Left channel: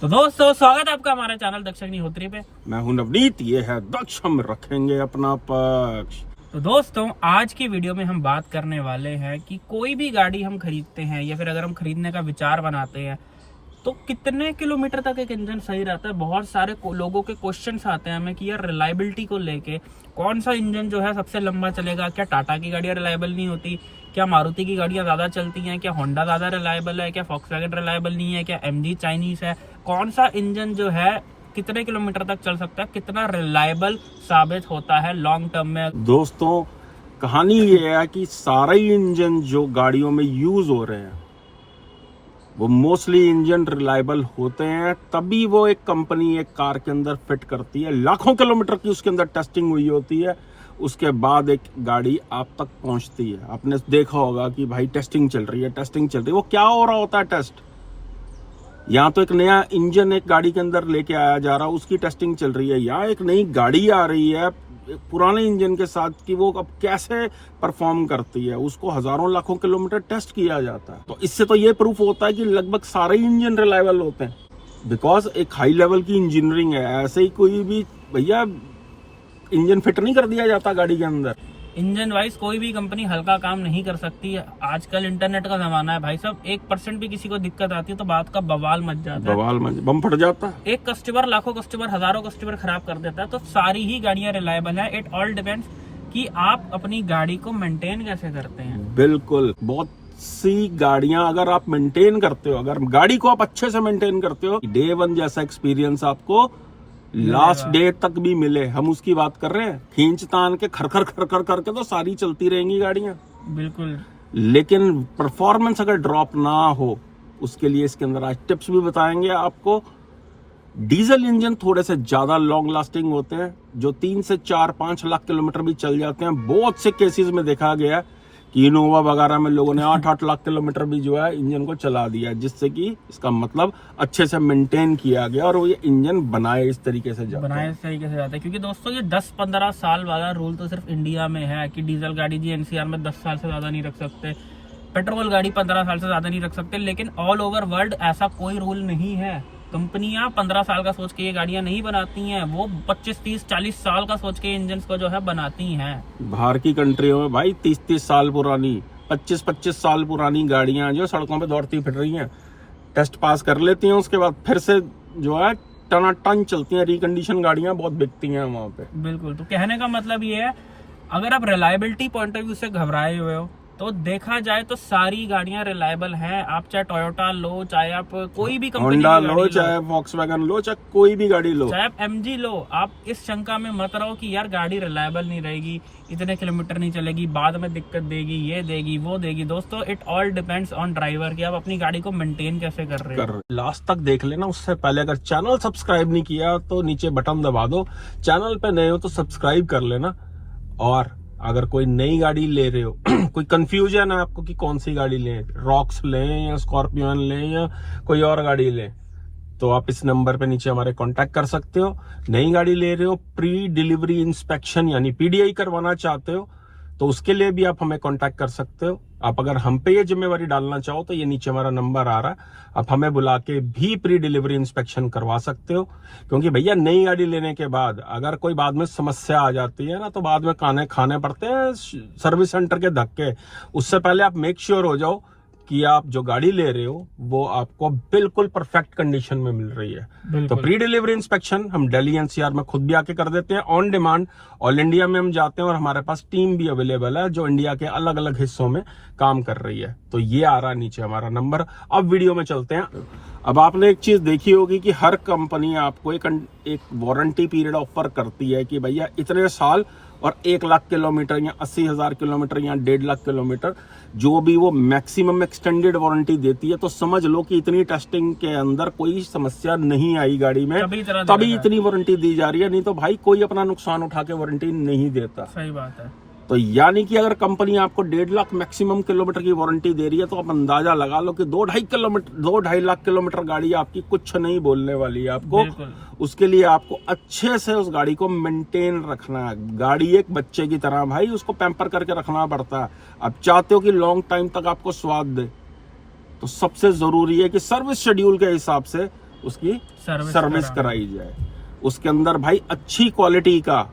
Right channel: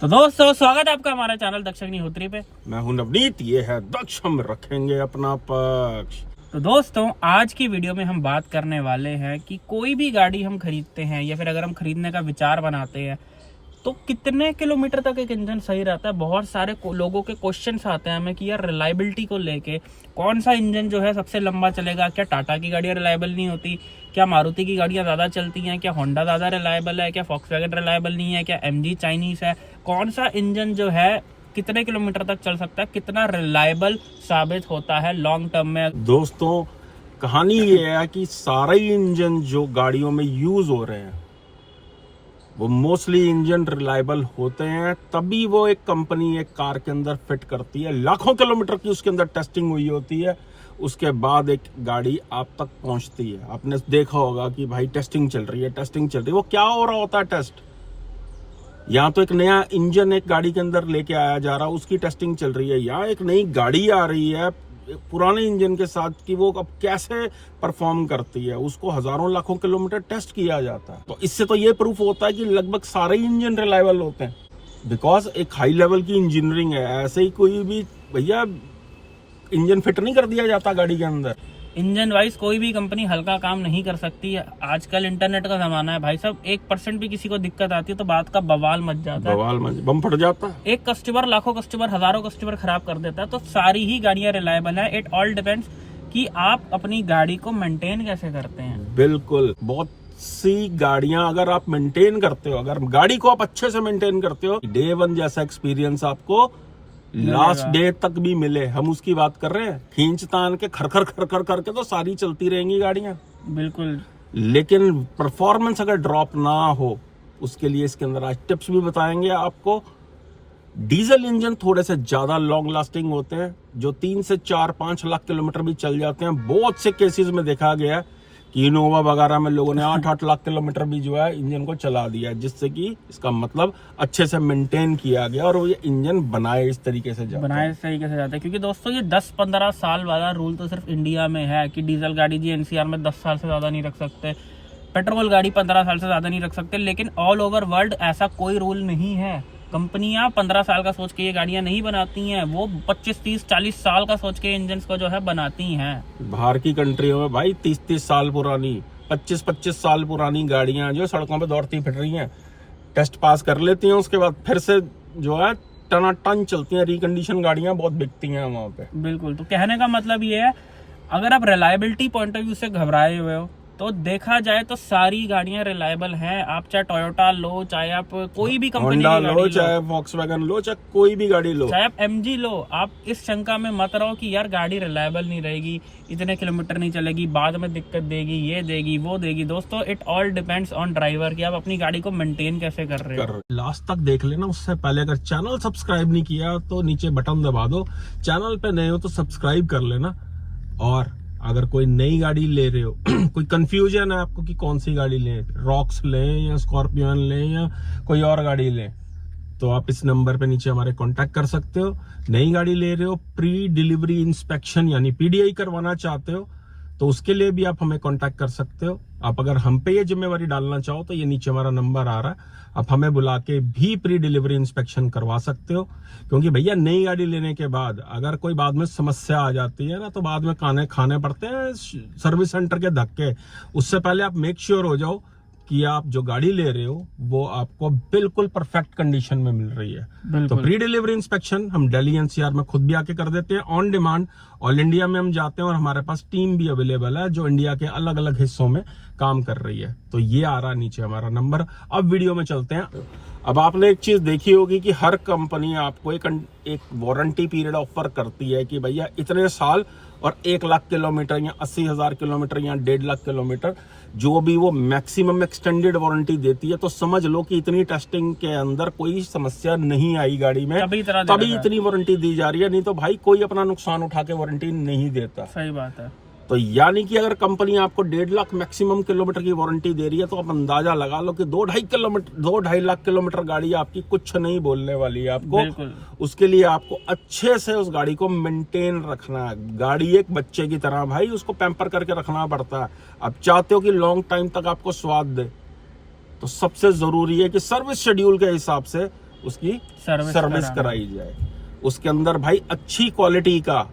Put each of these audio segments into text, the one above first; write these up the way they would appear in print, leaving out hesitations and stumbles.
तो दोस्तों स्वागत है आपका हमारा चैनल दक्ष अग्निहोत्री पे। मैं हूं नवनीत, ये है दक्ष, हम रखेंगे अपना पक्ष। तो दोस्तों आज की वीडियो में हम बात करने वाले हैं कि कोई भी गाड़ी हम खरीदते हैं या फिर अगर हम खरीदने का विचार बनाते हैं तो कितने किलोमीटर तक एक इंजन सही रहता है। बहुत सारे लोगों के क्वेश्चंस आते हैं हमें कि यार रिलायबिलिटी को लेके कौन सा इंजन जो है सबसे लंबा चलेगा। क्या टाटा की गाड़ियां रिलायबल नहीं होती, क्या मारुति की गाड़ियां ज्यादा चलती हैं, क्या होंडा ज्यादा रिलायबल है, क्या फॉक्सवैगन रिलायबल नहीं है, क्या एमजी चाइनीज है। कौन सा इंजन जो है कितने किलोमीटर तक चल सकता है, कितना रिलायबल साबित होता है लॉन्ग टर्म में। दोस्तों कहानी ये है कि सारे इंजन जो गाड़ियों में यूज हो रहे हैं वो मोस्टली इंजन रिलायबल होते हैं, तभी वो एक कंपनी एक कार के अंदर फिट करती है। लाखों किलोमीटर की उसके अंदर टेस्टिंग हुई होती है, उसके बाद एक गाड़ी आप तक पहुंचती है। आपने देखा होगा कि भाई टेस्टिंग चल रही है। वो क्या हो रहा होता है टेस्ट? यहाँ तो एक नया इंजन एक गाड़ी के अंदर लेके आया जा रहा है, उसकी टेस्टिंग चल रही है। यहाँ एक नई गाड़ी आ रही है पुराने इंजन के साथ कि वो अब कैसे परफॉर्म करती है, उसको हजारों लाखों किलोमीटर टेस्ट किया जाता है। तो इससे तो ये प्रूफ होता है कि लगभग सारे इंजन रिलायबल होते हैं, बिकॉज एक हाई लेवल की इंजीनियरिंग है। ऐसे ही कोई भी भैया इंजन फिट नहीं कर दिया जाता गाड़ी के अंदर। इंजन वाइज कोई भी कंपनी हल्का काम नहीं कर सकती है। आजकल इंटरनेट का जमाना है भाई साहब, 1% भी किसी को दिक्कत आती है तो बात का बवाल मच जाता है, बम फट जाता है। एक कस्टमर लाखों कस्टमर हजारों कस्टमर खराब कर देता है। तो सारी ही गाड़ियां रिलायबल है। इट ऑल डिपेंड्स कि आप अपनी गाड़ी को मेंटेन कैसे करते हैं। बिल्कुल, बहुत सी गाड़ियां अगर आप मेंटेन करते हो, अगर गाड़ी को आप अच्छे से मेंटेन करते हो, डे वन जैसा एक्सपीरियंस आपको लास्ट डे तक भी मिले। हम उसकी बात कर रहे हैं। खींच तान के खर खर करके तो सारी चलती रहेंगी गाड़ियां, बिल्कुल, लेकिन परफॉर्मेंस अगर ड्रॉप ना हो, उसके लिए इसके अंदर आज टिप्स भी बताएंगे आपको। डीजल इंजन थोड़े से ज्यादा लॉन्ग लास्टिंग होते हैं, जो 3 से 4-5 लाख किलोमीटर भी चल जाते हैं। बहुत से केसेस में देखा गया कि इनोवा वगैरह में लोगों ने 8-8 लाख किलोमीटर भी जो है इंजन को चला दिया, जिससे कि इसका मतलब अच्छे से मेंटेन किया गया और वो ये इंजन बनाए इस तरीके से जाते हैं। क्योंकि दोस्तों ये 10-15 साल वाला रूल तो सिर्फ इंडिया में है कि डीजल गाड़ी जी एनसीआर में 10 साल से ज्यादा नहीं रख सकते, पेट्रोल गाड़ी 15 साल से ज्यादा नहीं रख सकते। लेकिन ऑल ओवर वर्ल्ड ऐसा कोई रूल नहीं है। कंपनियां 15 साल का सोच के ये गाड़ियां नहीं बनाती हैं, वो 25-30-40 साल का सोच के इंजन को जो है बनाती हैं। बाहर की कंट्रियों में भाई 30-30 साल पुरानी, 25-25 साल पुरानी गाड़ियां जो सड़कों पे दौड़ती फिर रही हैं, टेस्ट पास कर लेती हैं, उसके बाद फिर से जो है टनाटन चलती हैं। रिकंडीशन गाड़ियां बहुत बिकती हैं वहां पे। बिल्कुल, तो कहने का मतलब ये है, अगर आप रिलायबिलिटी पॉइंट ऑफ व्यू से घबराए हुए हो तो देखा जाए तो सारी गाड़ियां रिलायबल हैं। आप चाहे टोयोटा लो, चाहे आप कोई भी कंपनी होंडा लो, चाहे फॉक्सवैगन लो, चाहे कोई भी गाड़ी लो, चाहे आप एमजी लो, आप इस शंका में मत रहो कि यार गाड़ी रिलायबल नहीं रहेगी, इतने किलोमीटर नहीं चलेगी, बाद में दिक्कत देगी, ये देगी वो देगी। दोस्तों it all depends on driver कि आप अपनी गाड़ी को मेंटेन कैसे कर रहे हो। लास्ट तक देख लेना। उससे पहले अगर चैनल सब्सक्राइब नहीं किया तो नीचे बटन दबा दो, चैनल पे नए हो तो सब्सक्राइब कर लेना। और अगर कोई नई गाड़ी ले रहे हो कोई कंफ्यूजन है आपको कि कौन सी गाड़ी लें, रॉक्स लें या स्कॉर्पियन लें या कोई और गाड़ी लें, तो आप इस नंबर पे नीचे हमारे कांटेक्ट कर सकते हो। नई गाड़ी ले रहे हो, प्री डिलीवरी इंस्पेक्शन यानी पीडीआई करवाना चाहते हो, तो उसके लिए भी आप हमें कांटेक्ट कर सकते हो। आप अगर हम पे ये जिम्मेवारी डालना चाहो तो ये नीचे हमारा नंबर आ रहा है, आप हमें बुला के भी प्री डिलीवरी इंस्पेक्शन करवा सकते हो। क्योंकि भैया नई गाड़ी लेने के बाद अगर कोई बाद में समस्या आ जाती है ना, तो बाद में खाने पड़ते हैं सर्विस सेंटर के धक्के। उससे पहले आप मेक श्योर हो जाओ कि आप जो गाड़ी ले रहे हो वो आपको बिल्कुल परफेक्ट कंडीशन में मिल रही है। तो प्री डिलीवरी इंस्पेक्शन हम दिल्ली एनसीआर में खुद भी आके कर देते हैं, ऑन डिमांड। ऑल इंडिया में हम जाते हैं और हमारे पास टीम भी अवेलेबल है जो इंडिया के अलग अलग हिस्सों में काम कर रही है। तो ये आ रहा है नीचे हमारा नंबर। अब वीडियो में चलते हैं। अब आपने एक चीज देखी होगी कि हर कंपनी आपको एक वारंटी पीरियड ऑफर करती है कि भैया इतने साल और 1 लाख किलोमीटर या 80,000 किलोमीटर या 1.5 लाख किलोमीटर, जो भी वो मैक्सिमम एक्सटेंडेड वारंटी देती है। तो समझ लो कि इतनी टेस्टिंग के अंदर कोई समस्या नहीं आई गाड़ी में, तभी इतनी वारंटी दी जा रही है। नहीं तो भाई कोई अपना नुकसान उठा के वारंटी नहीं देता। सही बात है। तो यानी कि अगर कंपनी आपको 1.5 लाख मैक्सिमम किलोमीटर की वारंटी दे रही है, तो आप अंदाजा लगा लो कि 2-2.5 लाख किलोमीटर गाड़ी आपकी कुछ नहीं बोलने वाली है आपको। उसके लिए आपको अच्छे से उस गाड़ी को मेंटेन रखना है। गाड़ी एक बच्चे की तरह भाई, उसको पैम्पर करके रखना पड़ता है। आप चाहते हो कि लॉन्ग टाइम तक आपको स्वाद दे, तो सबसे जरूरी है कि सर्विस शेड्यूल के हिसाब से उसकी सर्विस सर्विस कराई जाए। उसके अंदर भाई अच्छी क्वालिटी का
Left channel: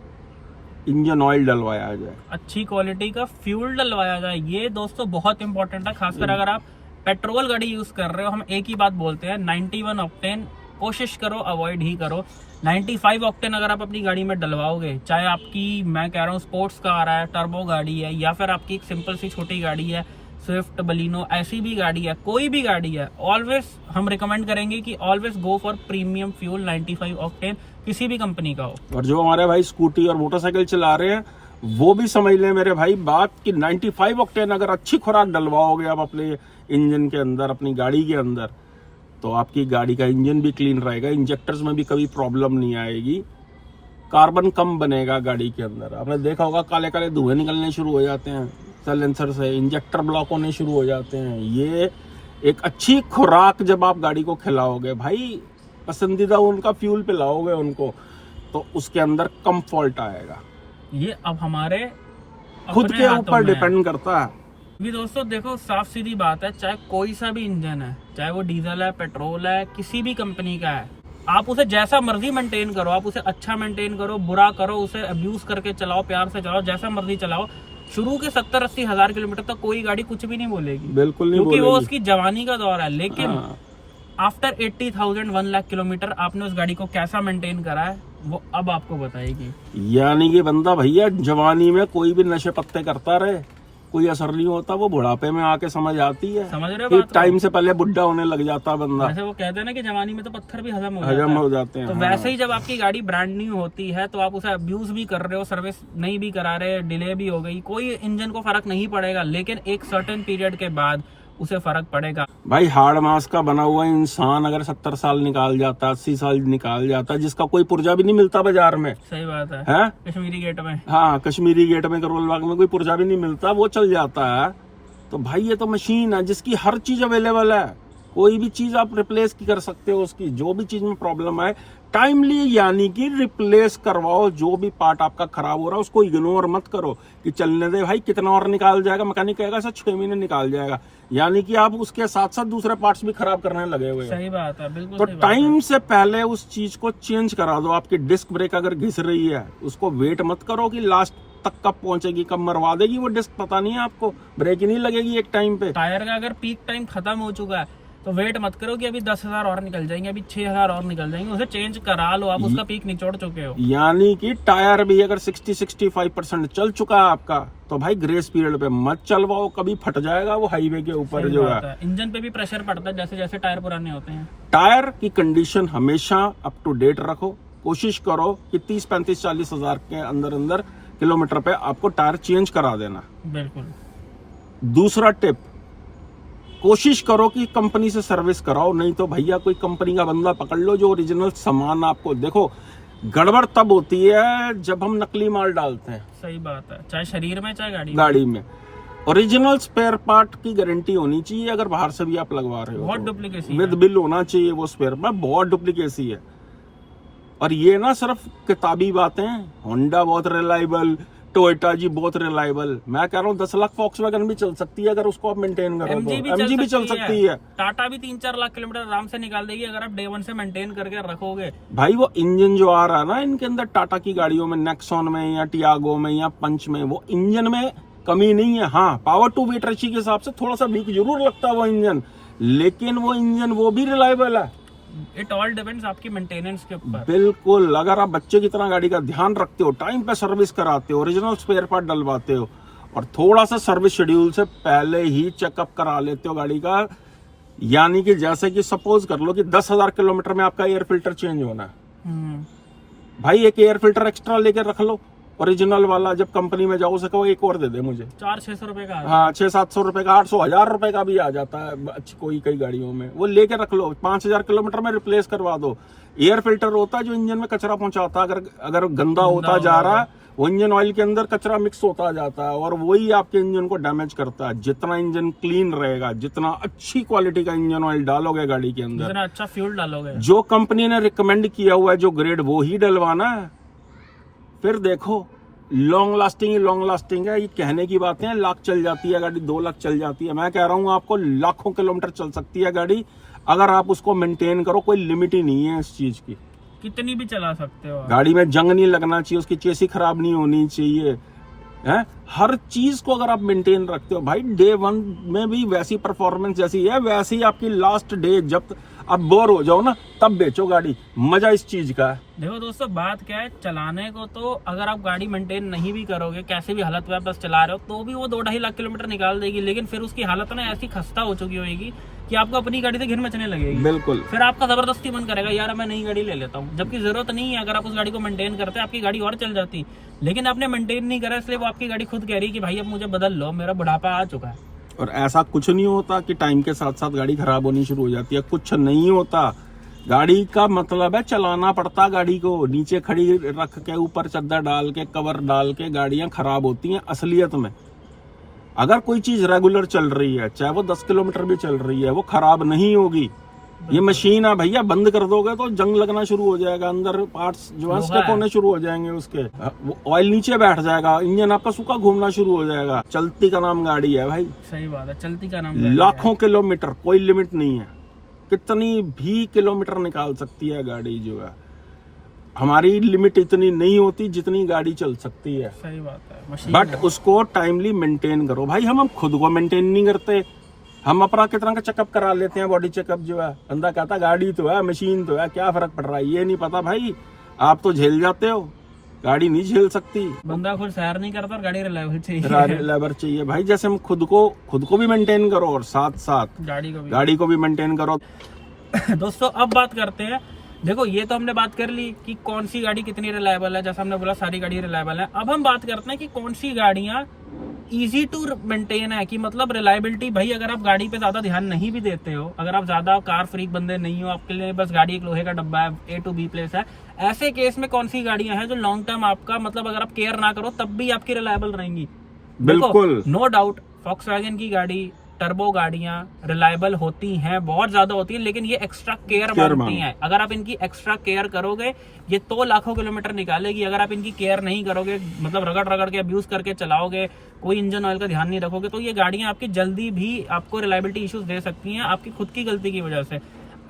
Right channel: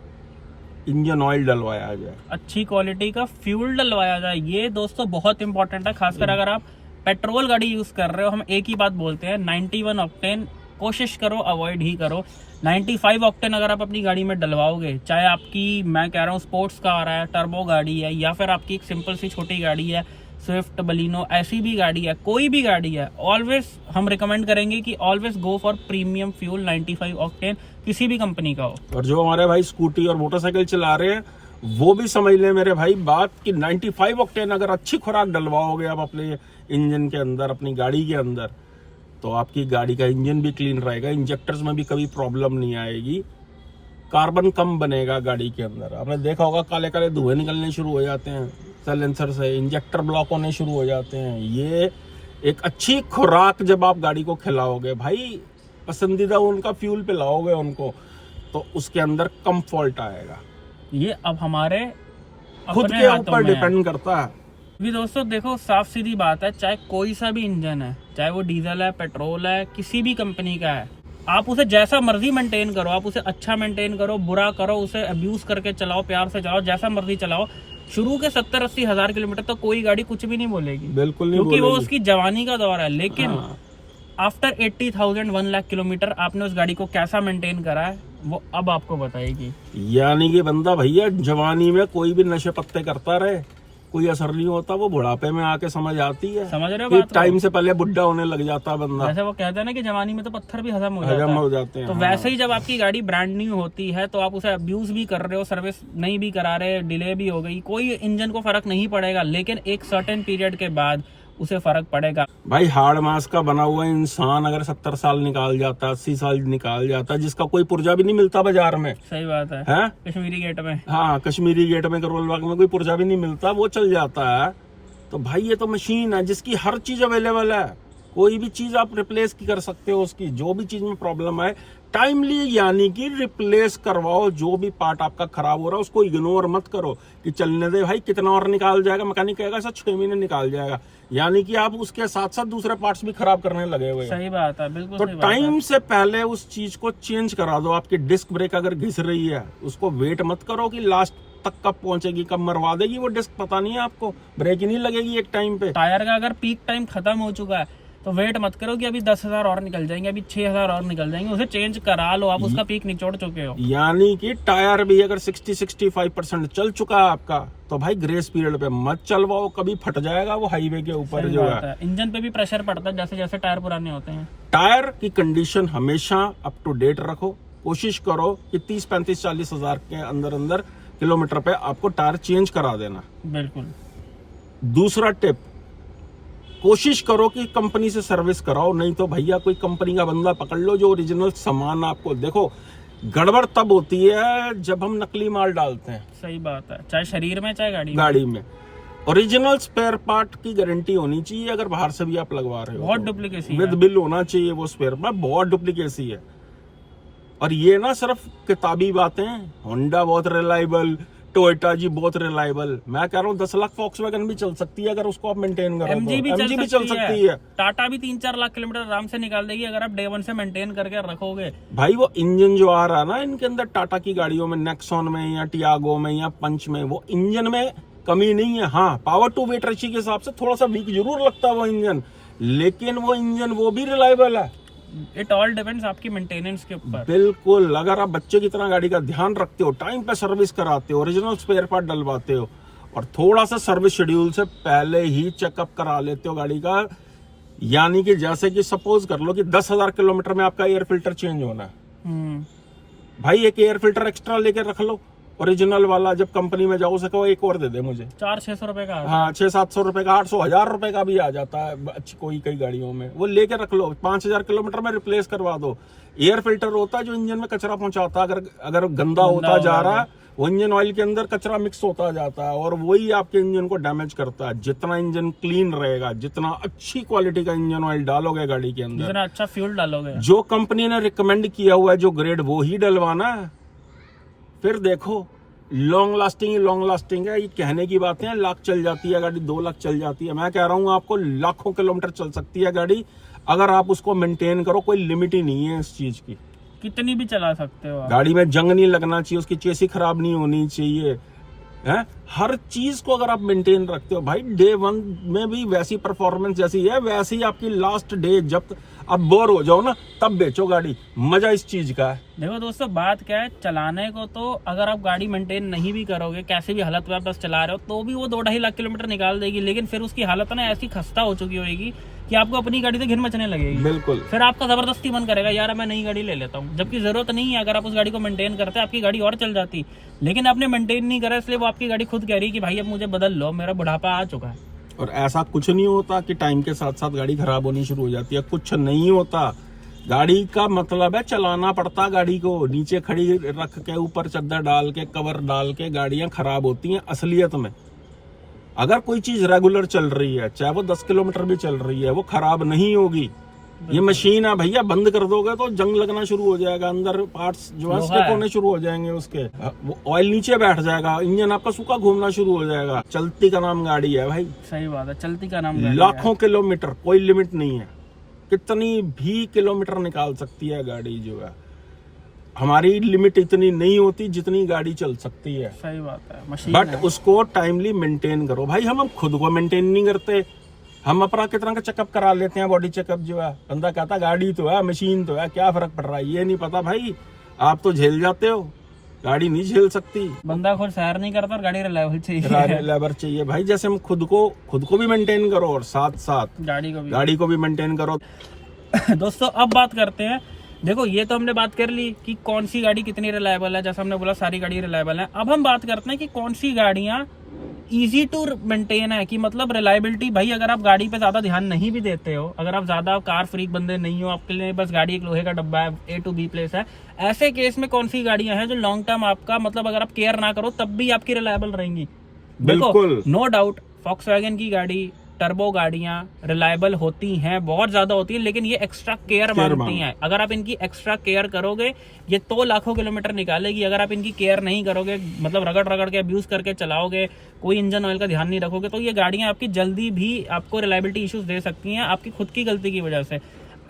इंजन ऑयल डलवाया जाए, अच्छी क्वालिटी का फ्यूल डलवाया जाए। ये दोस्तों बहुत इंपॉर्टेंट है, खासकर अगर आप पेट्रोल गाड़ी यूज कर रहे हो। हम एक ही बात बोलते हैं, 91 ऑक्टेन कोशिश करो अवॉइड ही करो। 95 ऑक्टेन अगर आप अपनी गाड़ी में डलवाओगे, चाहे आपकी, मैं कह रहा हूँ स्पोर्ट्स का आ रहा है, टर्बो गाड़ी है, या फिर आपकी एक सिंपल सी छोटी गाड़ी है, स्विफ्ट, बलिनो, ऐसी भी गाड़ी है, कोई भी गाड़ी है, ऑलवेज हम रिकमेंड करेंगे कि always go for premium fuel 95 octane, किसी भी कंपनी का हो। और जो हमारे भाई स्कूटी और मोटरसाइकिल चला रहे हैं वो भी समझ ले मेरे भाई बात कि 95 ऑक्टेन अगर अच्छी खुराक डलवाओगे आप अपने इंजन के अंदर, अपनी गाड़ी के अंदर, तो आपकी गाड़ी का इंजन भी क्लीन रहेगा, इंजेक्टर्स में भी कभी प्रॉब्लम नहीं आएगी, कार्बन कम बनेगा गाड़ी के अंदर। आपने देखा होगा काले काले धुएं निकलने शुरू हो जाते हैं साइलेंसर से, इंजेक्टर ब्लॉक होने शुरू हो जाते हैं। ये एक अच्छी खुराक जब आप गाड़ी को खिलाओगे भाई, पसंदीदा उनका फ्यूल पिलाओगे उनको, तो उसके अंदर कम फॉल्ट आएगा। ये अब हमारे खुद अपने के हाथों ऊपर में है। डिपेंड करता है। भी दोस्तों देखो, साफ सीधी बात है, चाहे कोई सा भी इंजन है, चाहे वो डीजल है, पेट्रोल है, किसी भी कंपनी का है, आप उसे जैसा मर्जी मेंटेन करो, आप उसे अच्छा मेंटेन करो, बुरा करो, उसे अब्यूज करके चलाओ, प्यार से चलाओ, जैसा मर्जी चलाओ, शुरू के 70-80 हज़ार किलोमीटर तक कोई गाड़ी कुछ भी नहीं बोलेगी, बिल्कुल नहीं क्योंकि बोलेगी। वो उसकी जवानी का दौर है। लेकिन हाँ। आफ्टर 80,000 1 लाख किलोमीटर आपने उस गाड़ी को कैसा मेंटेन करा है, वो अब आपको बताएगी। यानी कि बंदा भैया जवानी में कोई भी नशे पत्ते करता रहे, कोई असर नहीं होता, वो बुढ़ापे में आके समझ आती है। समझ रहे हो कि बात को? टाइम से पहले बुढ़ा होने लग जाता है बंदा, जैसे वो कहते हैं ना कि जवानी में तो पत्थर भी हजम हो हजम जाता हो है, जाते हैं। तो हाँ। वैसे ही जब आपकी गाड़ी ब्रांड न्यू होती है तो आप उसे अब्यूज भी कर रहे हो, सर्विस नहीं भी करा रहे, डिले भी हो गई, कोई इंजन को फर्क नहीं पड़ेगा, लेकिन एक सर्टेन पीरियड के बाद उसे फर्क पड़ेगा। भाई हाड़ मास का बना हुआ इंसान अगर 70 साल निकाल जाता, 80 साल निकाल जाता, जिसका कोई पुर्जा भी नहीं मिलता बाजार में, सही बात है, है? कश्मीरी गेट में। हाँ, कश्मीरी गेट में, करोल बाग में कोई पुर्जा भी नहीं मिलता, वो चल जाता है। तो भाई ये तो मशीन है जिसकी हर चीज अवेलेबल है, कोई भी चीज आप रिप्लेस की कर सकते हो उसकी, जो भी चीज में प्रॉब्लम है टाइमली, यानी कि रिप्लेस करवाओ। जो भी पार्ट आपका खराब हो रहा है उसको इग्नोर मत करो कि चलने दे भाई, कितना और निकाल जाएगा, मैकेनिक कहेगा सर 6 महीने निकाल जाएगा, यानी कि आप उसके साथ साथ दूसरे पार्ट्स भी खराब करने लगे हुए हो। सही बात है, बिल्कुल तो सही बात है। टाइम से पहले उस चीज को चेंज करा दो। आपकी डिस्क ब्रेक अगर घिस रही है, उसको वेट मत करो कि लास्ट तक कब पहुंचेगी, कब मरवा देगी वो डिस्क, पता नहीं है आपको, ब्रेक ही नहीं लगेगी एक टाइम पे। टायर का अगर पीक टाइम खत्म हो चुका है तो वेट मत करो कि अभी 10,000 और निकल जाएंगे, अभी 6,000 और निकल जाएंगे, उसे चेंज करा लो, आप उसका पीक निचोड़ चुके हो। यानी कि टायर भी अगर 60-65% चल चुका है आपका, तो भाई ग्रेस पीरियड पे मत चलवाओ, कभी फट जाएगा वो हाईवे के ऊपर सही जो बात है। है, इंजन पे भी प्रेशर पड़ता है जैसे जैसे टायर पुराने होते हैं। टायर की कंडीशन हमेशा अप टू डेट रखो, कोशिश करो कि 30-35-40 हज़ार के अंदर अंदर किलोमीटर पे आपको टायर चेंज करा देना। बिल्कुल। दूसरा टिप, कोशिश करो कि कंपनी से सर्विस कराओ, नहीं तो भैया कोई कंपनी का बंदा पकड़ लो जो ओरिजिनल सामान आपको, देखो गड़बड़ तब होती है जब हम नकली माल डालते हैं सही बात है, चाहे शरीर में चाहे गाड़ी में। ओरिजिनल स्पेयर पार्ट की गारंटी होनी चाहिए, अगर बाहर से भी आप लगवा रहे हो बहुत डुप्लीकेसी विद बिल होना चाहिए वो स्पेयर पार्ट, बहुत डुप्लीकेसी है। और ये ना सिर्फ किताबी बातें, होंडा बहुत रिलायबल, टोयोटा जी बहुत रिलायबल, मैं कह रहा हूँ 10 लाख वॉक्सवैगन भी चल सकती है अगर उसको आप मेंटेन करो, एमजी भी चल सकती है। टाटा भी 3-4 लाख किलोमीटर आराम से निकाल देगी अगर आप डे 1 से मेंटेन करके रखोगे। भाई वो इंजन जो आ रहा है ना इनके अंदर, टाटा की गाड़ियों में, नेक्सॉन में या टियागो में या पंच में, वो इंजन में कमी नहीं है। हाँ, पावर टू वेट रेशियो के हिसाब से थोड़ा सा वीक जरूर लगता है वो इंजन, लेकिन वो इंजन वो भी रिलायबल है। इट ऑल डिपेंड्स आपकी मेंटेनेंस के ऊपर। बिल्कुल, अगर आप बच्चे की तरह गाड़ी का ध्यान रखते हो, टाइम पे सर्विस कराते हो, ओरिजिनल स्पेयर पार्ट डलवाते हो, और थोड़ा सा सर्विस शेड्यूल से पहले ही चेकअप करा लेते हो गाड़ी का, यानी कि जैसे कि सपोज कर लो कि 10,000 किलोमीटर में आपका एयर फिल्टर चेंज होना है, भाई एक एयर फिल्टर एक्स्ट्रा लेके रख लो ओरिजिनल वाला, जब कंपनी में जाओ उसे कहो एक और दे दे मुझे। 400-600 रुपए का। हाँ, 600-700 रुपए का, 800-1000 रुपए का भी आ जाता है कोई कई गाड़ियों में, वो लेके रख लो। 5,000 किलोमीटर में रिप्लेस करवा दो। एयर फिल्टर होता है जो इंजन में कचरा पहुंचाता है, अगर गंदा होता जा रहा है, वो इंजन ऑयल के अंदर कचरा मिक्स होता जाता है और वही आपके इंजन को डैमेज करता है। जितना इंजन क्लीन रहेगा, जितना अच्छी क्वालिटी का इंजन ऑयल डालोगे गाड़ी के अंदर, जितना अच्छा फ्यूल डालोगे, जो कंपनी ने रिकमेंड किया हुआ है जो ग्रेड, वो ही डलवाना है। फिर देखो लॉन्ग लास्टिंग है, ये कहने की बातें हैं, लाख चल जाती है गाड़ी, 2 लाख चल जाती है, मैं कह रहा हूँ आपको लाखों किलोमीटर चल सकती है गाड़ी अगर आप उसको मेंटेन करो, कोई लिमिट ही नहीं है इस चीज की। कितनी भी चला सकते हो आप। गाड़ी में जंग नहीं लगना चाहिए, उसकी चेसी खराब नहीं होनी चाहिए है। हर चीज को अगर आप मेंटेन रखते हो भाई, डे 1 में भी वैसी परफॉर्मेंस जैसी है वैसे ही आपकी लास्ट डे, जब आप बोर हो जाओ ना तब बेचो गाड़ी। मजा इस चीज का है। देखो दोस्तों, बात क्या है, चलाने को तो अगर आप गाड़ी मेंटेन नहीं भी करोगे, कैसे भी हालत में आप बस चला रहे हो, तो भी वो 2-2.5 लाख किलोमीटर निकाल देगी। लेकिन फिर उसकी हालत ना ऐसी खस्ता हो चुकी होगी कि आपको अपनी गाड़ी से घिन मचने लगेगी। बिल्कुल। फिर आपका जबरदस्ती मन करेगा यार मैं नई गाड़ी ले लेता हूँ, जबकि जरूरत नहीं है। अगर आप उस गाड़ी को मेंटेन करते आपकी गाड़ी और चल जाती, लेकिन आपने मेंटेन नहीं करा, इसलिए वो आपकी गाड़ी खुद कह रही है कि भाई अब मुझे बदल लो, मेरा बुढ़ापा आ चुका है। और ऐसा कुछ नहीं होता कि टाइम के साथ साथ गाड़ी खराब होनी शुरू हो जाती है, कुछ नहीं होता। गाड़ी का मतलब है चलाना पड़ता, गाड़ी को नीचे खड़ी रख के ऊपर चद्दर डाल के कवर डाल के गाड़ियां खराब होती हैं असलियत में। अगर कोई चीज रेगुलर चल रही है, चाहे वो 10 किलोमीटर भी चल रही है, वो खराब नहीं होगी। ये मशीन है भैया, बंद कर दोगे तो जंग लगना शुरू हो जाएगा, अंदर पार्ट्स जो है स्टिक होने शुरू हो जाएंगे उसके, वो ऑयल नीचे बैठ जाएगा, इंजन आपका सूखा घूमना शुरू हो जाएगा। चलती का नाम गाड़ी है भाई। सही बात है, चलती का नाम लाखों किलोमीटर, कोई लिमिट नहीं है, कितनी भी किलोमीटर निकाल सकती है गाड़ी जो है। हमारी लिमिट इतनी नहीं होती जितनी गाड़ी चल सकती है। सही बात है, मशीन बट है। उसको टाइमली मेंटेन करो भाई। हम खुद को मेंटेन नहीं करते, हम अपना कितना का चेकअप करा लेते हैं, बॉडी चेकअप जो है। बंदा कहता गाड़ी तो है, मशीन तो है, क्या फर्क पड़ रहा है। ये नहीं पता भाई, आप तो झेल जाते हो, गाड़ी नहीं झेल सकती। बंदा खुद सैर नहीं करता और गाड़ी रिलायबल चाहिए। लेबर चाहिए भाई। जैसे हम खुद को भी मेंटेन करो और साथ साथ गाड़ी को भी मेंटेन करो। दोस्तों अब बात करते हैं, देखो ये तो हमने बात कर ली कि कौन सी गाड़ी कितनी रिलायबल है, जैसा हमने बोला सारी गाड़ी रिलायबल है। अब हम बात करते हैं कि कौन सी गाड़ियां इजी टू मेंटेन है, कि मतलब रिलायबिलिटी। भाई अगर आप गाड़ी पे ज्यादा ध्यान नहीं भी देते हो, अगर आप ज्यादा कार फ्रीक बंदे नहीं हो, आपके लिए बस गाड़ी एक लोहे का डब्बा है, A to B प्लेस है, ऐसे केस में कौन सी गाड़ियां हैं जो लॉन्ग टर्म आपका मतलब अगर आप केयर ना करो तब भी आपकी रिलायबल रहेंगी। बिल्कुल, नो डाउट वॉक्सवैगन की गाड़ी, टर्बो गाड़ियां रिलायबल होती हैं, बहुत ज्यादा होती हैं, लेकिन ये एक्स्ट्रा केयर मांगती हैं। अगर आप इनकी एक्स्ट्रा केयर करोगे, ये तो लाखों किलोमीटर निकालेगी। अगर आप इनकी केयर नहीं करोगे, मतलब रगड़ रगड़ के अब्यूज करके चलाओगे, कोई इंजन ऑयल का ध्यान नहीं रखोगे, तो ये गाड़ियां आपकी जल्दी भी आपको रिलायबिलिटी इश्यूज दे सकती हैं, आपकी खुद की गलती की वजह से।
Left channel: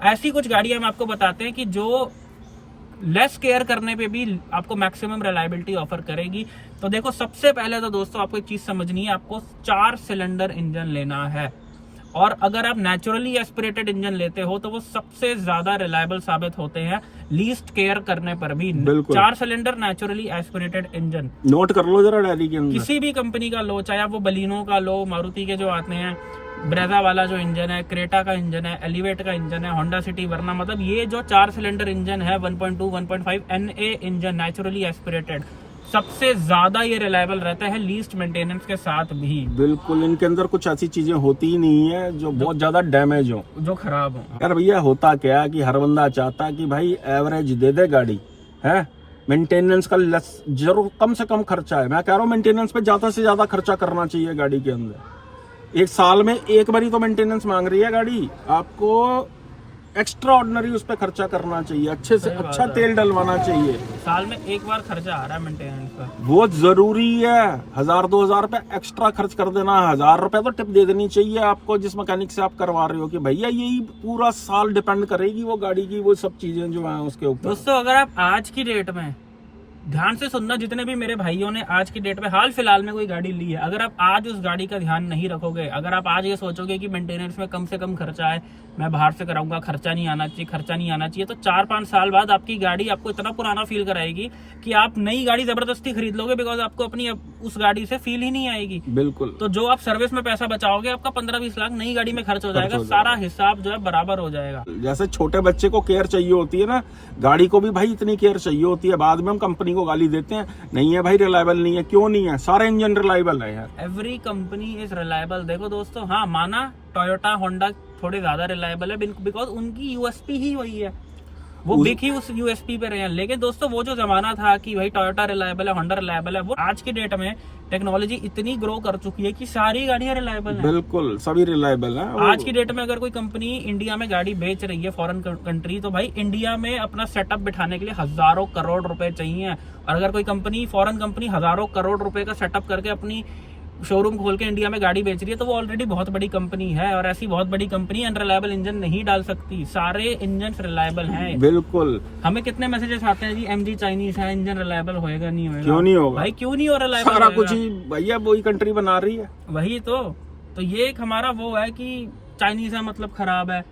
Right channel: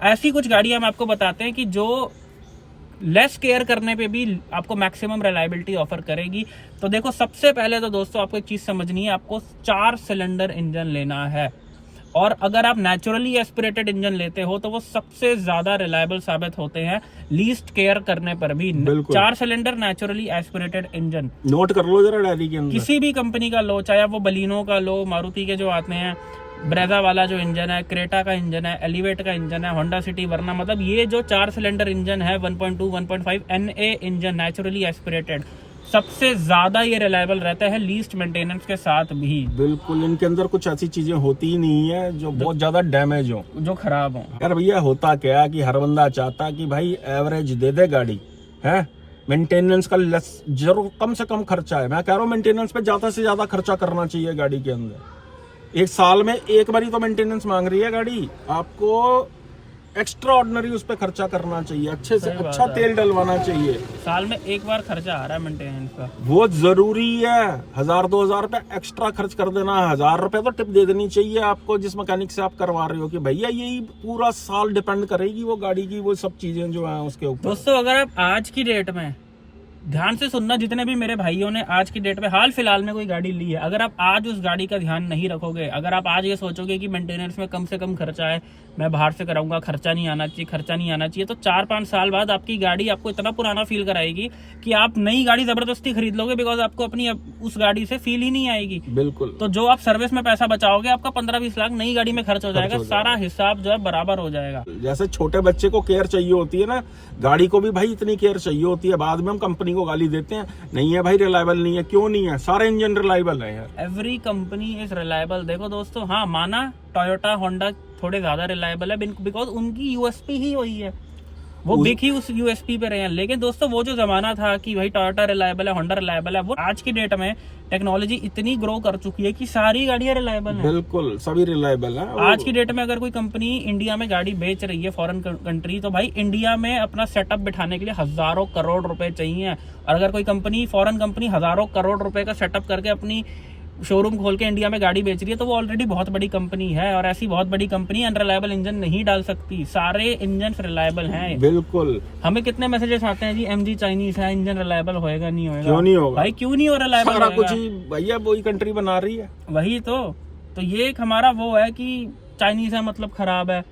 ऐसी कुछ गाड़ियां हम आपको बताते हैं कि जो लेस केयर करने पे भी आपको मैक्सिमम रिलायबिलिटी ऑफर करेगी। तो देखो सबसे पहले तो दोस्तों आपको एक चीज समझनी है, आपको 4 सिलेंडर इंजन लेना है। और अगर आप नेचुरली एस्पिरेटेड इंजन लेते हो तो वो सबसे ज्यादा रिलायबल साबित होते हैं लीस्ट केयर करने पर भी। 4 cylinder naturally aspirated engine note कर लो जरा डायरी के अंदर। किसी भी कंपनी का लो, चाहे वो बलिनो का लो, मारुति के जो आते हैं, ब्रेजा वाला जो इंजन है, क्रेटा का इंजन है, एलिवेट का इंजन है, होंडा सिटी, वरना मतलब ये जो 4 सिलेंडर इंजन है 1.2 1.5 NA इंजन नेचुरली एस्पिरेटेड, सबसे ज्यादा ये रिलायबल रहता है लीस्ट मेंटेनेंस के साथ भी। बिल्कुल, इनके अंदर कुछ ऐसी चीजें होती ही नहीं है जो बहुत ज्यादा डैमेज हो, जो खराब हो। यार भैया होता क्या है कि हर बंदा चाहता कि भाई एवरेज दे दे गाड़ी है, मेंटेनेंस का लेस, जरूर कम से कम खर्चा है। मैं कह रहा हूँ मेंटेनेंस पे ज्यादा से ज्यादा खर्चा करना चाहिए गाड़ी के अंदर। एक साल में एक बारी तो मेंटेनेंस मांग रही है गाड़ी, आपको एक्स्ट्रा ऑर्डिनरी उस पर खर्चा करना चाहिए, अच्छे से अच्छा तेल डलवाना चाहिए। साल में एक बार खर्चा आ रहा है मेंटेनेंस का, वो जरूरी है। 1000-2000 रुपए एक्स्ट्रा खर्च कर देना, 1000 रुपए तो टिप दे देनी चाहिए आपको जिस मैकेनिक से आप करवा रहे हो, कि भैया यही पूरा साल डिपेंड करेगी वो गाड़ी की वो सब चीजें जो है उसके ऊपर। दोस्तों अगर आप आज की डेट में ध्यान से सुनना, जितने भी मेरे भाइयों ने आज की डेट में हाल फिलहाल में कोई गाड़ी ली है, अगर आप आज उस गाड़ी का ध्यान नहीं रखोगे, अगर आप आज ये सोचोगे कि मेंटेनेंस में कम से कम खर्चा है, मैं बाहर से कराऊंगा, खर्चा नहीं आना चाहिए, तो 4-5 साल बाद आपकी गाड़ी आपको इतना पुराना फील कराएगी कि आप नई गाड़ी जबरदस्ती खरीद लोगे, बिकॉज आपको अपनी उस गाड़ी से फील ही नहीं आएगी। बिल्कुल। तो जो आप सर्विस में पैसा बचाओगे, आपका 15-20 लाख नई गाड़ी में खर्च हो जाएगा, सारा हिसाब जो है बराबर हो जाएगा। जैसे छोटे बच्चे को केयर चाहिए होती है ना, गाड़ी को भी भाई इतनी केयर चाहिए होती है। बाद में हम कंपनी को गाली देते हैं, नहीं है भाई रिलायबल नहीं है। क्यों नहीं है? सारे इंजन रिलायबल है यार, एवरी कंपनी इज रिलायबल। देखो दोस्तों, हाँ माना टोयोटा होंडा थोड़े ज्यादा रिलायबल है, बिकॉज उनकी यूएसपी ही वही है, वो बिक ही उस यूएसपी पे रहे हैं। लेकिन दोस्तों वो जो जमाना था कि भाई टोयोटा रिलायबल है, होंडा रिलायबल है, वो आज की डेट में टेक्नोलॉजी इतनी ग्रो कर चुकी है कि सारी गाड़ियां रिलायबल हैं। बिल्कुल, सभी रिलायबल हैं। आज की डेट में अगर कोई कंपनी इंडिया में गाड़ी बेच रही है, फॉरेन कंट्री, तो भाई इंडिया में अपना सेटअप बिठाने के लिए हजारों करोड़ रुपए चाहिए। और अगर कोई कंपनी, फॉरेन कंपनी, हजारों करोड़ रुपए का सेटअप करके अपनी शोरूम खोल के इंडिया में गाड़ी बेच रही है तो वो ऑलरेडी बहुत बड़ी कंपनी है, और ऐसी बहुत बड़ी कंपनी अनरिलायबल इंजन नहीं डाल सकती। सारे इंजन रिलायबल हैं। बिल्कुल। हमें कितने मैसेजेस आते हैं जी, एमजी चाइनीज है, इंजन रिलायबल होएगा नहीं होएगा। क्यों नहीं होगा भाई, क्यों नहीं हो रिलायबल? सारा कुछ ही भैया वही कंट्री बना रही है। वही तो ये एक हमारा वो है कि चाइनीज है मतलब खराब है।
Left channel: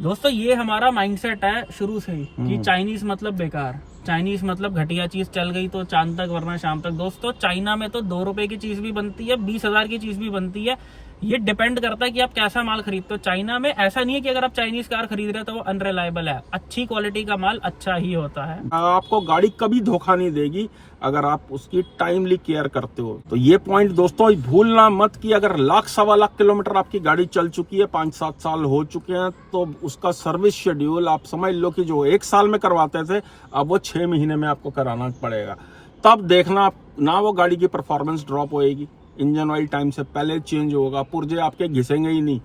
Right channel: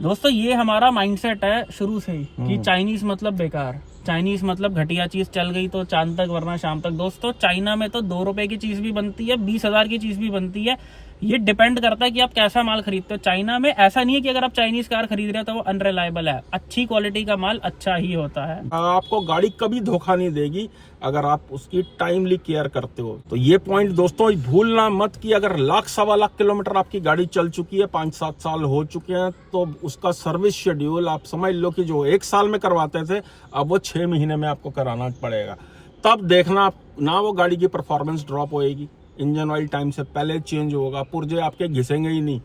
दोस्तों, ये हमारा माइंडसेट है शुरू से ही कि चाइनीज मतलब बेकार, चाइनीज मतलब घटिया चीज, चल गई तो चांद तक वरना शाम तक। दोस्तों, चाइना में तो 2 रुपए की चीज भी बनती है, 20,000 की चीज भी बनती है। ये डिपेंड करता है कि आप कैसा माल खरीदते हो। चाइना में ऐसा नहीं है कि अगर आप चाइनीज कार खरीद रहे हो तो वो अनरिलायबल है। अच्छी क्वालिटी का माल अच्छा ही होता है। आपको गाड़ी कभी धोखा नहीं देगी अगर आप उसकी टाइमली केयर करते हो। तो ये पॉइंट दोस्तों भूलना मत कि अगर 1,00,000 सवा लाख किलोमीटर आपकी गाड़ी चल चुकी है, 5-7 साल हो चुके हैं, तो उसका सर्विस शेड्यूल आप समझ लो कि जो 1 साल में करवाते थे अब वो 6 महीने में आपको कराना पड़ेगा। तब देखना ना वो गाड़ी की परफॉर्मेंस ड्रॉप होएगी, इंजन ऑयल टाइम से पहले चेंज होगा, पुर्जे आपके घिसेंगे ही नहीं।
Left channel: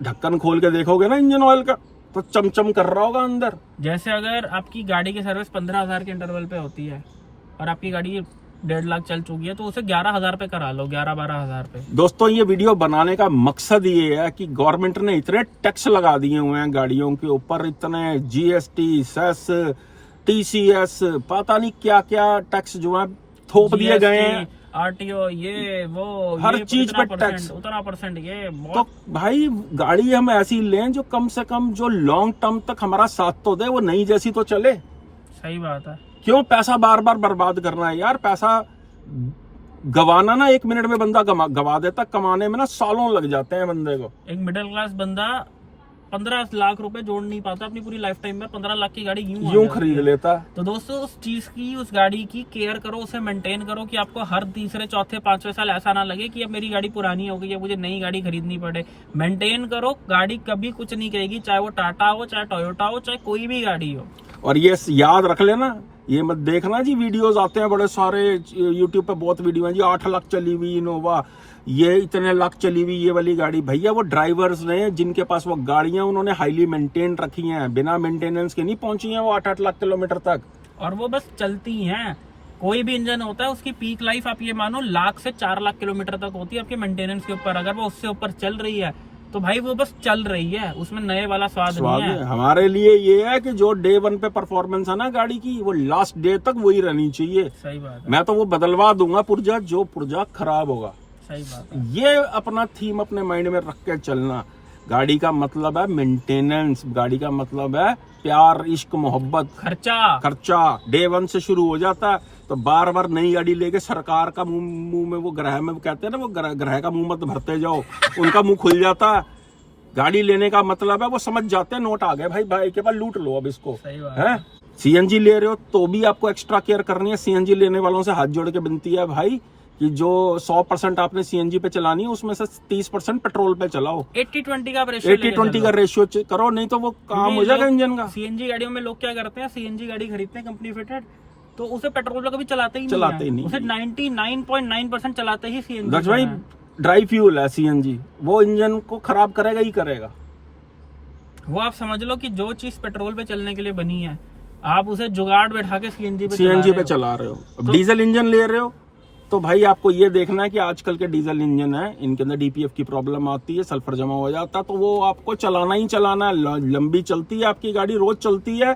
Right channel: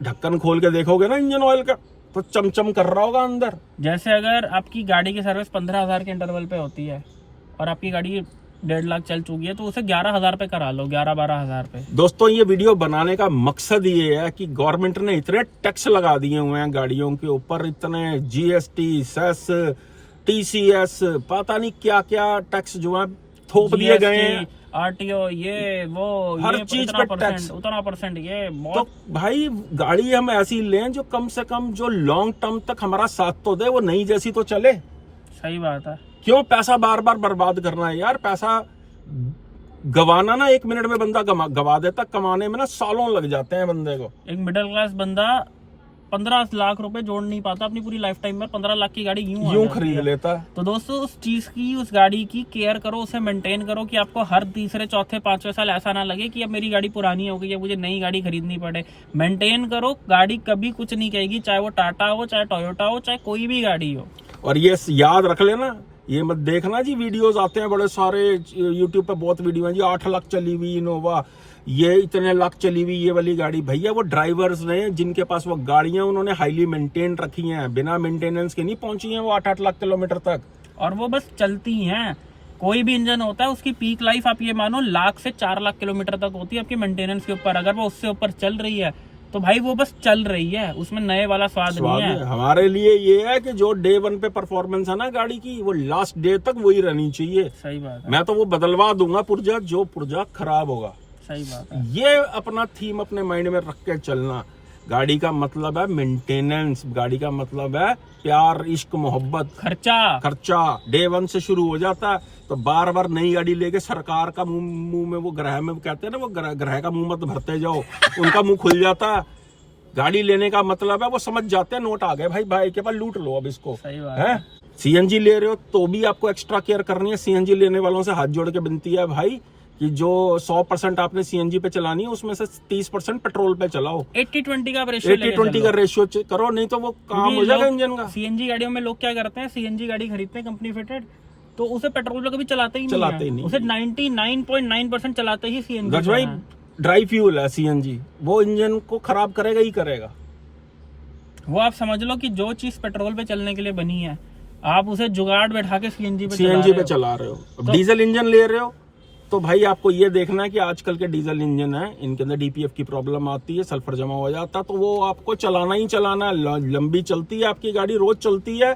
ढक्कन खोल के देखोगे ना इंजन ऑयल का तो चमचम कर रहा होगा अंदर। जैसे अगर आपकी गाड़ी की सर्विस 15,000 के इंटरवल पे होती है और आपकी गाड़ी 1.5 लाख चल चुकी है तो उसे 11,000 पे करा लो, 11-12,000 पे। दोस्तों, ये वीडियो बनाने का मकसद ये है कि गवर्नमेंट ने इतने टैक्स लगा दिए हुए हैं गाड़ियों के ऊपर, इतने जीएसटी, सेस, टीसीएस, पता नहीं क्या क्या टैक्स जो है थोप दिए गए हैं। आरटीओ, ये वो हर ये चीज पे टैक्स, उतना परसेंट, ये तो बहुत। भाई गाड़ी हम ऐसी लें जो कम से कम जो लॉन्ग टर्म तक हमारा साथ तो दे, वो नई जैसी तो चले। सही बात है। क्यों पैसा बार बार बर्बाद करना है यार? पैसा गवाना ना 1 मिनट में बंदा गवा देता, कमाने में ना सालों लग जाते हैं बंदे को। एक मिडिल क्लास बंदा 15 लाख रुपए जोड़ नहीं पाता अपनी पूरी लाइफ टाइम में, 15 लाख की गाड़ी यूं खरीद लेता। तो दोस्तों, उस चीज की, उस गाड़ी की केयर करो, उसे मेंटेन करो कि आपको हर तीसरे, चौथे, 5वें साल ऐसा ना लगे कि अब मेरी गाड़ी पुरानी हो गई है, मुझे नई गाड़ी खरीदनी पड़े। मेंटेन करो, गाड़ी कभी कुछ नहीं कहेगी, चाहे वो टाटा हो, चाहे टोयोटा हो, चाहे कोई भी गाड़ी हो। और ये याद रख लेना, ये मत देखना जी वीडियोस आते हैं बड़े सारे यूट्यूब पे, बहुत वीडियो हैं जी 8 लाख चली हुई इनोवा, ये इतने लाख चली हुई ये वाली गाड़ी। भैया वो ड्राइवर्स ने जिनके पास वो गाड़ियां उन्होंने हाईली मेंटेन रखी हैं, बिना मेंटेनेंस के नहीं पहुंची हैं वो 8-8 लाख किलोमीटर तक, और वो बस चलती हैं। कोई भी इंजन होता है उसकी पीक लाइफ आप ये मानो 1,00,000 से 4 लाख किलोमीटर तक होती है आपके मेंटेनेंस के ऊपर। अगर वो उससे ऊपर चल रही है तो भाई वो बस चल रही है, उसमें नए वाला स्वाद नहीं है। हमारे लिए ये है कि जो डे 1 पे परफॉर्मेंस है ना गाड़ी की, वो लास्ट डे तक वही रहनी चाहिए। सही बात है। मैं तो वो बदलवा दूंगा पुर्जा जो पुर्जा खराब होगा। सही बात है। ये अपना थीम अपने माइंड में रख के चलना। गाड़ी का मतलब है मेंटेनेंस, गाड़ी का मतलब है प्यार, इश्क, मोहब्बत, खर्चा डे 1 से शुरू हो जाता है। तो बार बार नई गाड़ी लेके सरकार का मुंह में वो ग्रह में कहते हैं ना, वो ग्रह का मुंह मत भरते जाओ, उनका मुंह खुल जाता है। गाड़ी लेने का मतलब है वो समझ जाते हैं नोट आ गए भाई के पास, लूट लो अब इसको। है सीएनजी ले रहे हो तो भी आपको एक्स्ट्रा केयर करनी है। सीएनजी लेने वालों से हाथ जोड़ के विनती है भाई कि जो 100% आपने सीएनजी पे चलानी है उसमें से 30% पेट्रोल पे चलाओ। 80-20 का रेशियो करो, नहीं तो वो काम हो जाएगा इंजन का। सीएनजी गाड़ियों में लोग क्या करते हैं, सीएनजी गाड़ी खरीदते हैं कंपनी फिटेड, तो उसे पेट्रोल पे कभी चलाते ही नहीं, उसे 99.9% चलाते ही सीएनजी। भाई ड्राई फ्यूल है सीएनजी, वो इंजन को खराब करेगा ही करेगा। वो आप समझ लो कि जो चीज पेट्रोल पे चलने के लिए बनी है, आप उसे जुगाड़ बैठा के सीएनजी पे चला रहे हो। डीजल इंजन ले रहे हो तो भाई आपको ये देखना है कि आजकल के डीजल इंजन है, इनके अंदर डीपीएफ की प्रॉब्लम आती है, सल्फर जमा हो जाता है, तो वो आपको चलाना ही चलाना है। लंबी चलती है आपकी गाड़ी, रोज चलती है,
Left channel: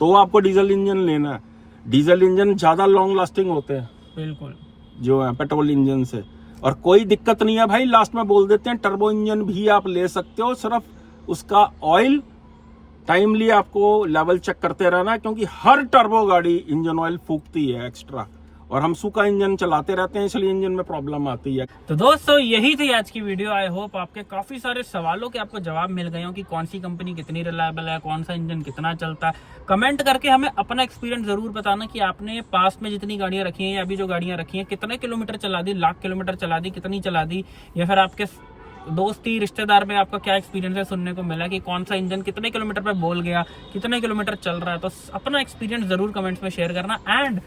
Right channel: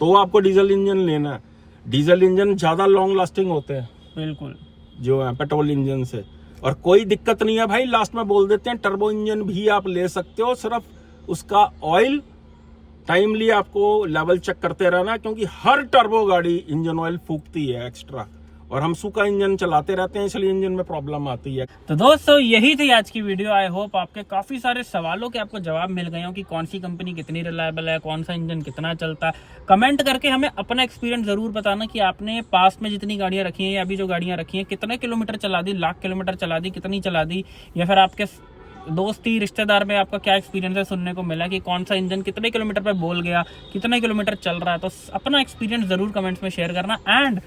तो आपको डीजल इंजन लेना है। डीजल इंजन ज्यादा लॉन्ग लास्टिंग होते हैं बिल्कुल जो है पेट्रोल इंजन से, और कोई दिक्कत नहीं है भाई। लास्ट में बोल देते हैं टर्बो इंजन भी आप ले सकते हो, सिर्फ उसका ऑयल टाइमली आपको लेवल चेक करते रहना, क्योंकि हर टर्बो गाड़ी इंजन ऑयल फूकती है एक्स्ट्रा, और हम सूखा इंजन चलाते रहते हैं, इसलिए इंजन में प्रॉब्लम आती है। तो दोस्तों, यही थी आज की वीडियो। आई होप आपके काफी सारे सवालों के आपको जवाब मिल गए हो कि कौन सी कंपनी कितनी रिलायबल है, कौन सा इंजन कितना चलता है। कमेंट करके हमें अपना एक्सपीरियंस जरूर बताना कि आपने पास्ट में जितनी गाड़ियां रखी हैं या अभी जो गाड़ियां रखी हैं, कितने किलोमीटर चला दी, लाख किलोमीटर चला दी, कितनी चला दी, या फिर आपके दोस्ती रिश्तेदार में आपका क्या एक्सपीरियंस है सुनने को मिला कि कौन सा इंजन कितने किलोमीटर पे बोल गया, कितने किलोमीटर चल रहा है। तो अपना एक्सपीरियंस जरूर कमेंट्स में शेयर करना। एंड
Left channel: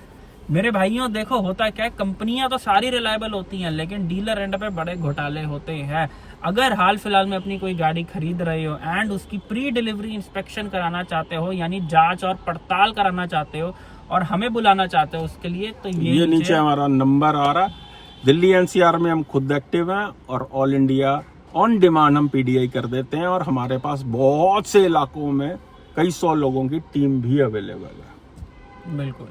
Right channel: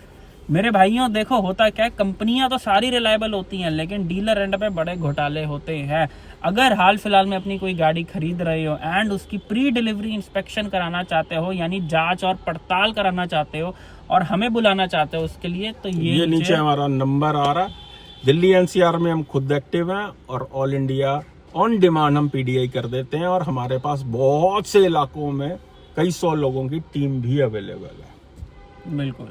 मेरे भाइयों, देखो होता है क्या, कंपनियां तो सारी रिलायबल होती हैं, लेकिन डीलर एंड पे बड़े घोटाले होते हैं। अगर हाल फिलहाल में अपनी कोई गाड़ी खरीद रहे हो एंड उसकी प्री डिलीवरी इंस्पेक्शन कराना चाहते हो, यानी जांच और पड़ताल कराना चाहते हो और हमें बुलाना चाहते हो उसके लिए, तो ये नीचे हमारा नंबर आ रहा है, दिल्ली एनसीआर में हम खुद एक्टिव हैं और ऑल इंडिया ऑन डिमांड हम पीडीआई कर देते हैं, और हमारे पास बहुत से इलाकों में कई 100 लोगों की टीम भी अवेलेबल है। बिल्कुल।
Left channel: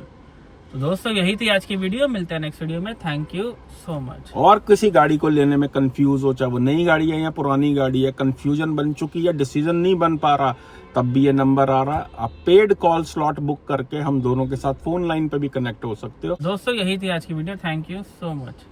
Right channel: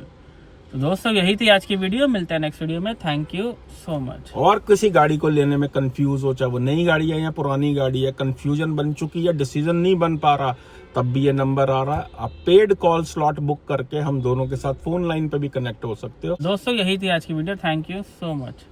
तो दोस्तों यही थी आज की वीडियो, मिलते हैं नेक्स्ट वीडियो में। Thank you so much. और किसी गाड़ी को लेने में कंफ्यूज हो, चाहे वो नई गाड़ी है या पुरानी गाड़ी है, कंफ्यूजन बन चुकी है, डिसीजन नहीं बन पा रहा, तब भी ये नंबर आ रहा है, आप पेड कॉल स्लॉट बुक करके हम दोनों के साथ फोन लाइन पे भी कनेक्ट हो सकते हो। दोस्तों यही थी आज की video, thank you so much.